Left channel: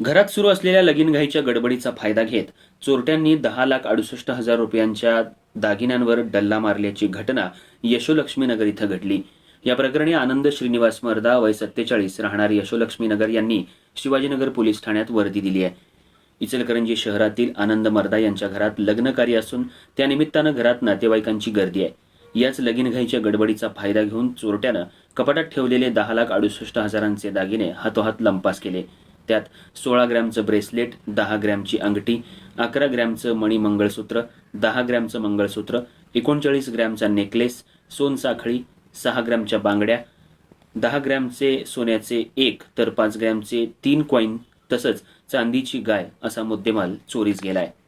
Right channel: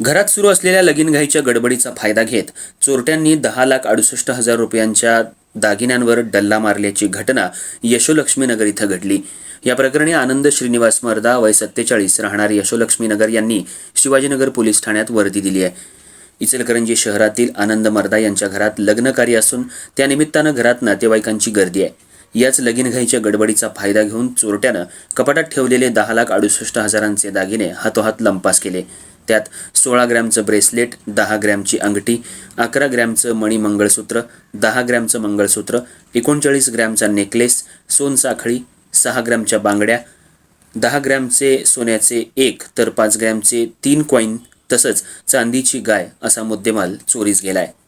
घरात सुरू असलेल्या लगीनघाईच्या गडबडीचा फायदा घेत चोरट्यांनी दहा लाख अडुसष्ट हजार रुपयांच्या दागिन्यांवर डल्ला मारल्याची घटना यशोलक्ष्मीनगर इथं घडली. या प्रकरणी आनंद श्रीनिवास मर्दा वय सत्तेचाळीस राहणारी यशोलक्ष्मीनगर यांनी शिवाजीनगर पोलीस ठाण्यात वर्दी दिली आहे. इचलकरंजी शहरातील आनंद मर्दा यांच्या घरात लग्नकार्य असून त्यानिमित्तानं घरात नातेवाईकांची गर्दी आहे. याच लगीनघाईच्या गडबडीचा फायदा घेऊन चोरट्यानं कपाटात ठेवलेले दहा लाख अडुसष्ट हजारांचे दागिने हातोहात लंपास केले. त्यात सोळा ग्रॅमचं ब्रेसलेट दहा ग्रॅमची अंगठी अकरा ग्रॅमचं मणी मंगळसूत्र दहा ग्रॅमचं मंगळसूत्र एकोणचाळीस ग्रॅमचा नेकलेस सोनसाखळी सहा ग्रॅमच्या बांगड्या दहा ग्रॅमचे सोन्याचे एक तर पाच ग्रॅमचे तीन कॉईन तसंच चांदीची गाय असा मुद्देमाल चोरीस गेला आहे